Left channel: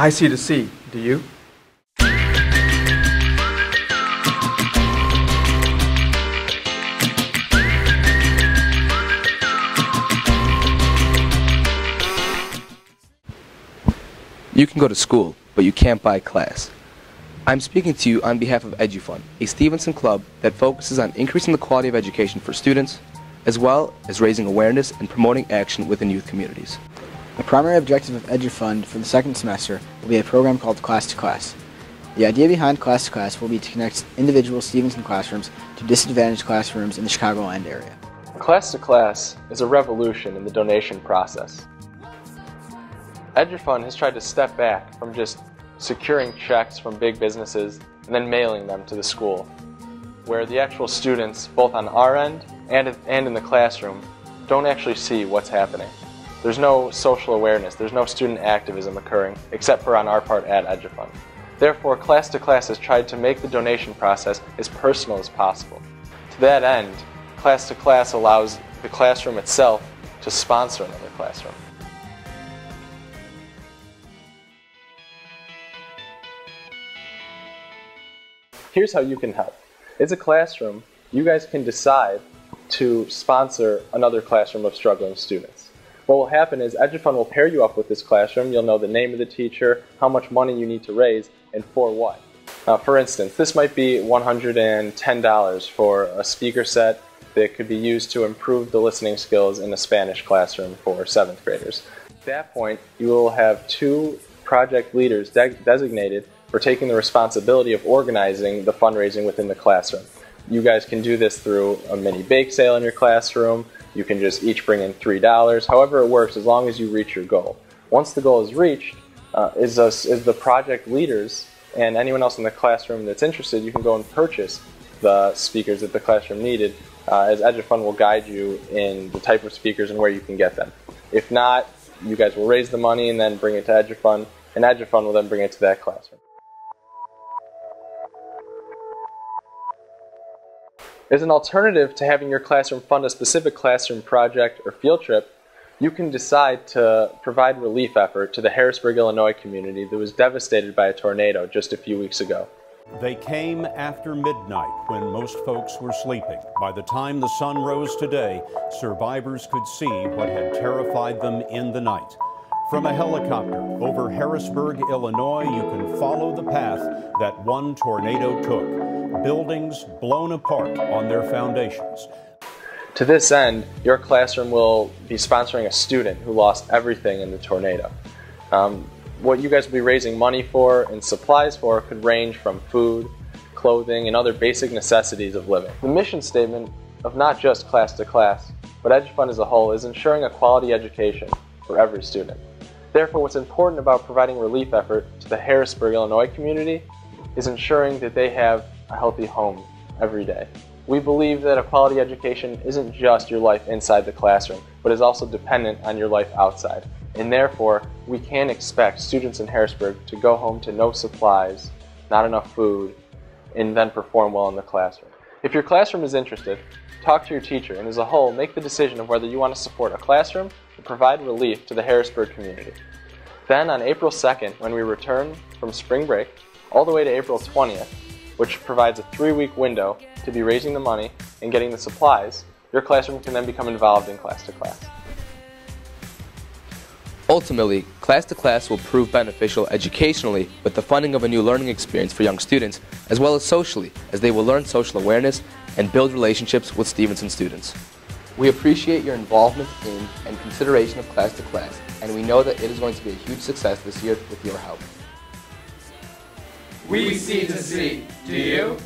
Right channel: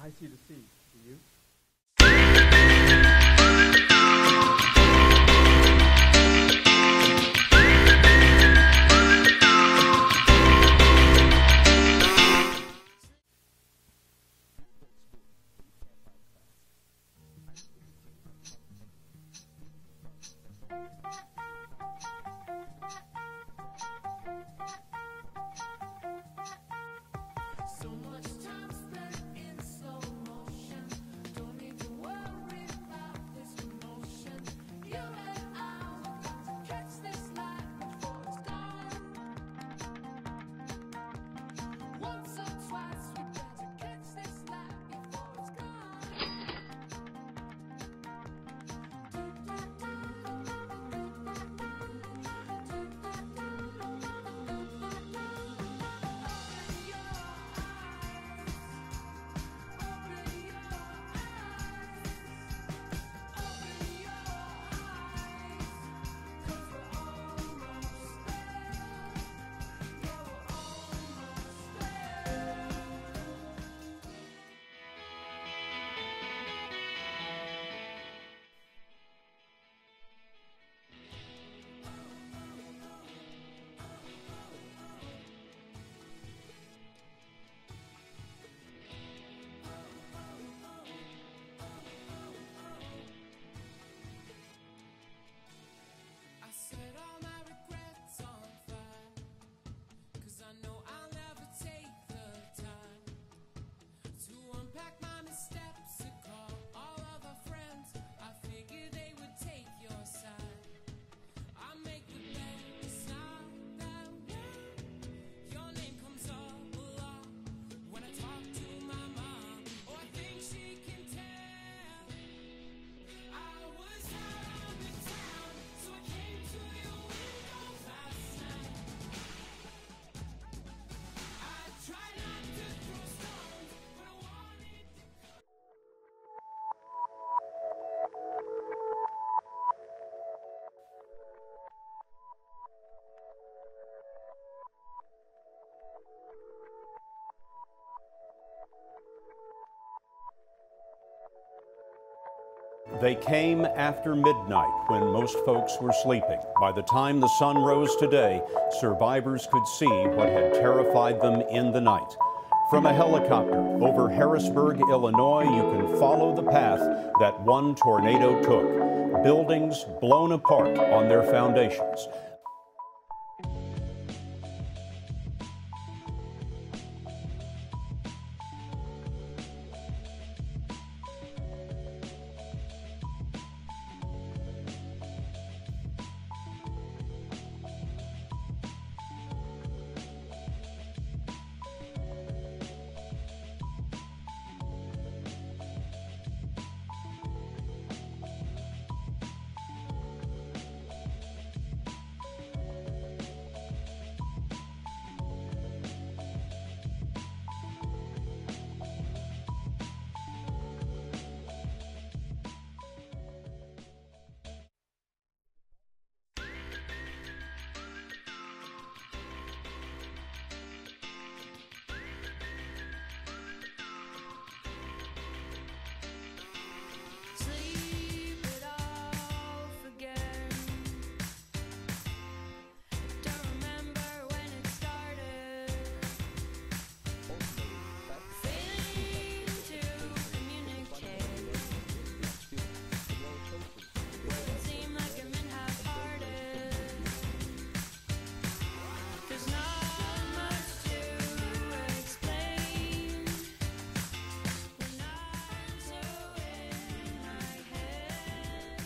I C2C. Do you? You can go to school, but you can't buy class. I'm speaking to you on behalf of Edufund, a Stevenson club that focuses on increasing the quality of education for students, as well as raising awareness and promoting action within youth communities. The primary objective of Edufund for the second semester will be a program called Class to Class. The idea behind Class to Class will be to connect individual Stevenson classrooms to disadvantaged classrooms in the Chicagoland area. Class to Class is a revolution in the donation process. Edufund has tried to step back from just securing checks from big businesses and then mailing them to the school, where the actual students, both on our end and in the classroom, don't actually see what's happening. There's no social awareness, there's no student activism occurring, except for on our part at Edufund. Therefore, Class to Class has tried to make the donation process as personal as possible. To that end, Class to Class allows the classroom itself to sponsor another classroom. Here's how you can help. As a classroom, you guys can decide to sponsor another classroom of struggling students. What will happen is Edufund will pair you up with this classroom. You'll know the name of the teacher, how much money you need to raise, and for what. For instance, this might be $110 for a speaker set that could be used to improve the listening skills in a Spanish classroom for 7th graders. At that point, you will have 2 project leaders designated for taking the responsibility of organizing the fundraising within the classroom. You guys can do this through a mini bake sale in your classroom. You can just each bring in $3, however it works, as long as you reach your goal. Once the goal is reached, is the project leaders and anyone else in the classroom that's interested, you can go and purchase the speakers that the classroom needed, as Edufund will guide you in the type of speakers and where you can get them. If not, you guys will raise the money and then bring it to Edufund, and Edufund will then bring it to that classroom. As an alternative to having your classroom fund a specific classroom project or field trip, you can decide to provide relief effort to the Harrisburg, Illinois community that was devastated by a tornado just a few weeks ago. They came after midnight when most folks were sleeping. By the time the sun rose today, survivors could see what had terrified them in the night. From a helicopter over Harrisburg, Illinois, you can follow the path that one tornado took. Buildings blown apart on their foundations. To this end, your classroom will be sponsoring a student who lost everything in the tornado. What you guys will be raising money for and supplies for could range from food, clothing, and other basic necessities of living. The mission statement of not just Class to Class, but Edufund as a whole, is ensuring a quality education for every student. Therefore, what's important about providing relief effort to the Harrisburg, Illinois community is ensuring that they have a healthy home every day. We believe that a quality education isn't just your life inside the classroom, but is also dependent on your life outside. And therefore, we can't expect students in Harrisburg to go home to no supplies, not enough food, and then perform well in the classroom. If your classroom is interested, talk to your teacher, and as a whole, make the decision of whether you want to support a classroom or provide relief to the Harrisburg community. Then on April 2nd, when we return from spring break, all the way to April 20th, which provides a 3-week window to be raising the money and getting the supplies, your classroom can then become involved in Class to Class. Ultimately, Class to Class will prove beneficial educationally with the funding of a new learning experience for young students, as well as socially, as they will learn social awareness and build relationships with Stevenson students. We appreciate your involvement in and consideration of Class to Class, and we know that it is going to be a huge success this year with your help. We C2C. Do you?